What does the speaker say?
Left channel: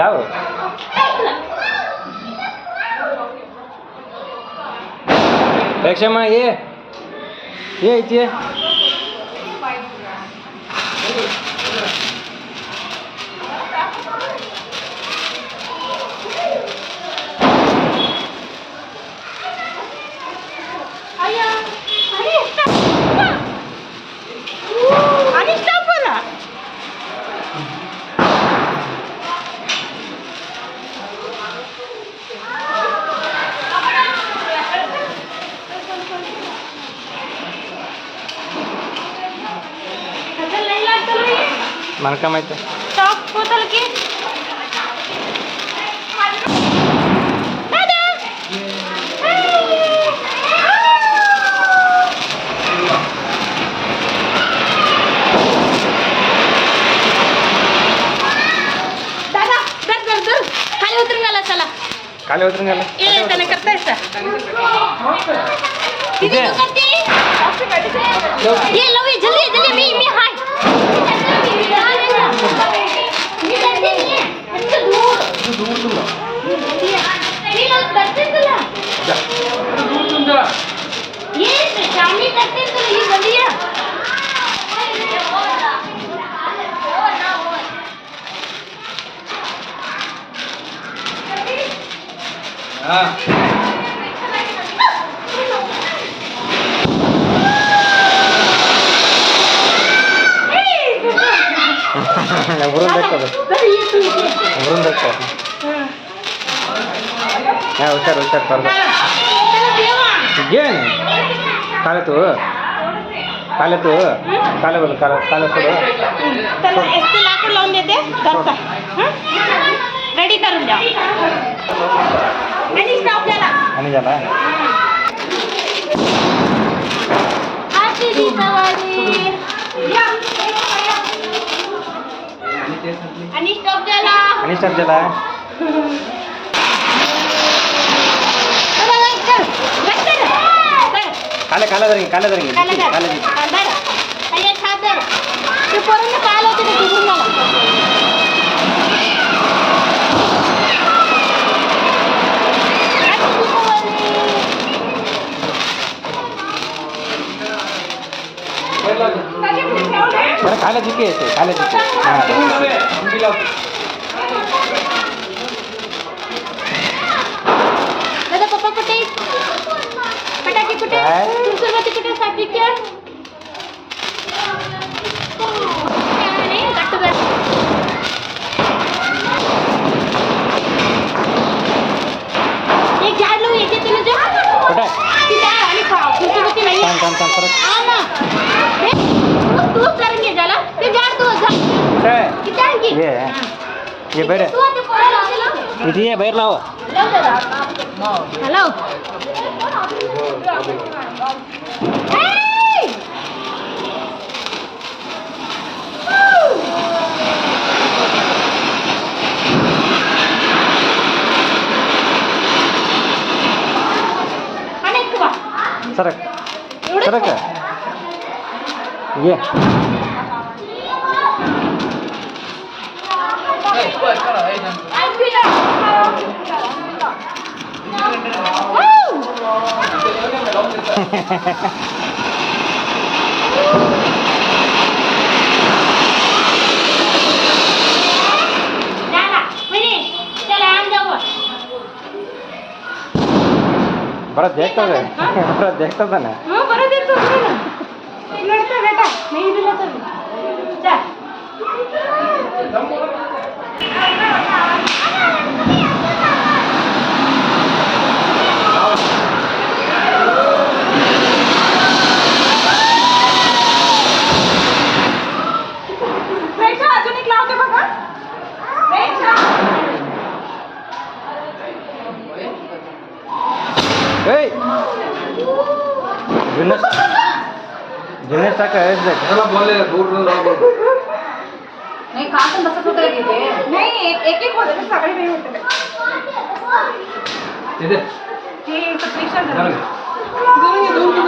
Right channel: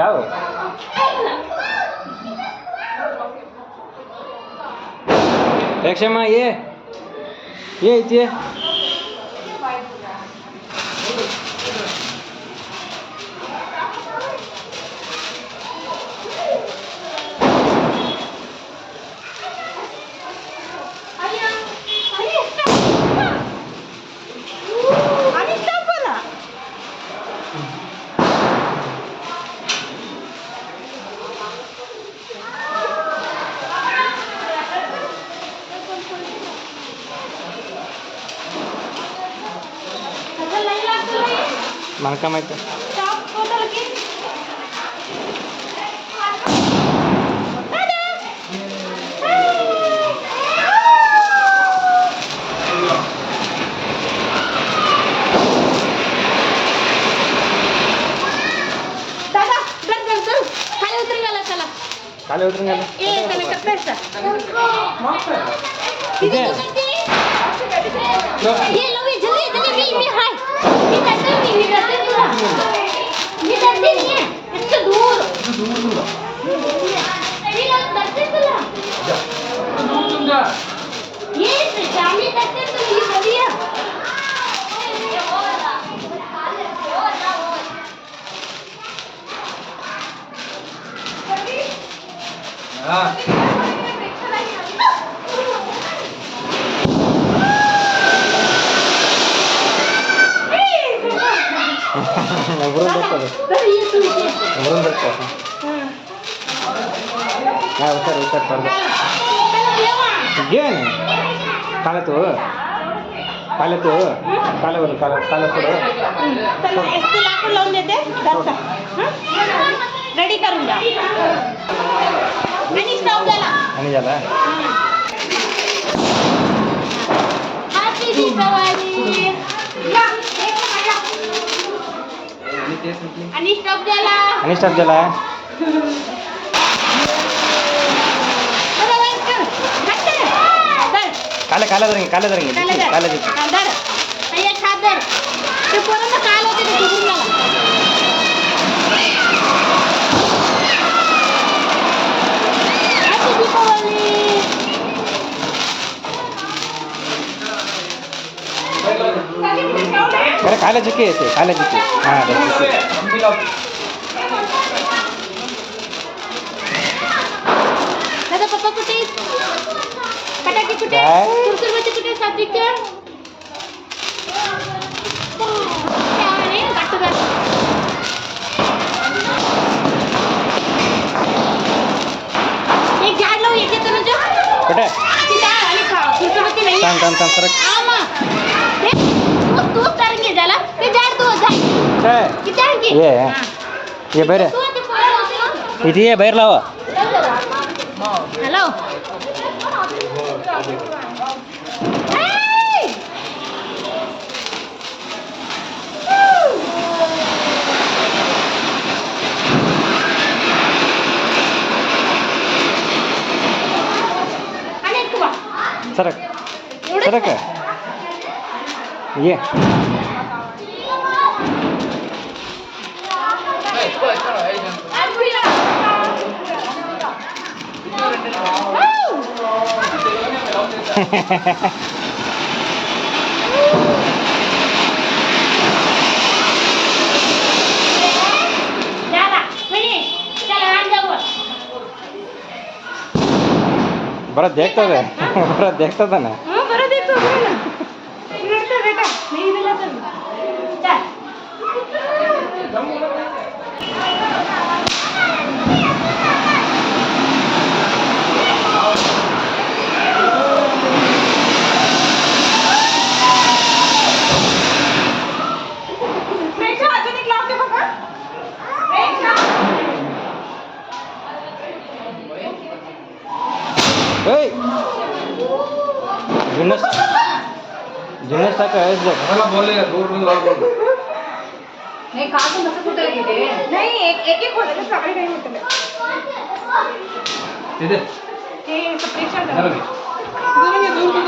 लाव क्षमा ये इथे మనका माहिती स्टॉप बोतल की दादा दर दर दर खाली उतरून गेला चला खाली उतरून गेला ए त्याने करताय का दीदी तू करते ये लो ये जल्दी जल्दी मी हाय ये करते नहीं है इससे दूर दूंगा ये लोग करते तुला दूंगा ये चाली करते तो ये बढ़िया हां वरून दाखव वरून दाखव हा हुशार हुशार कर घे ना काले तू काले बोल काले सोड त्याला एसटी लाकूड लावून देते करता रेडी करून द्या आणि स्टॉप झाला हॅपी दीपावली आणि स्टॉप झाला काले धरेंगे अय्या छाप दर ते पोरांना काय लावते ते डुबून गेला हॅपी दीपावली बरं काले जिके येते हां दादा पप्पा कुठे फटाके कुठे सुरसुरबाती कुठे सात्विकचर त्याने गट्टू बॅग एक झाड लावून येते तुला जो कुठे आणि सुरसुरबाती नाही थांब सरक ना तू करेंगे झाला ते झाड तू झाड किती आणखी ये बरं तू ते पोराला लावला इथे ये बाहेर लावा हॅलो सरक ये बरं देखता है ना हाँ बरं देखतो ना लड़का बेटा नहीं दिला तर चल अजून एक लावते बघा दिनेश टाका बोलले नाही काटून बसत होतं तिथे नाही एक होतं ते सगळी नाही होतं तिथे ते स्पेशल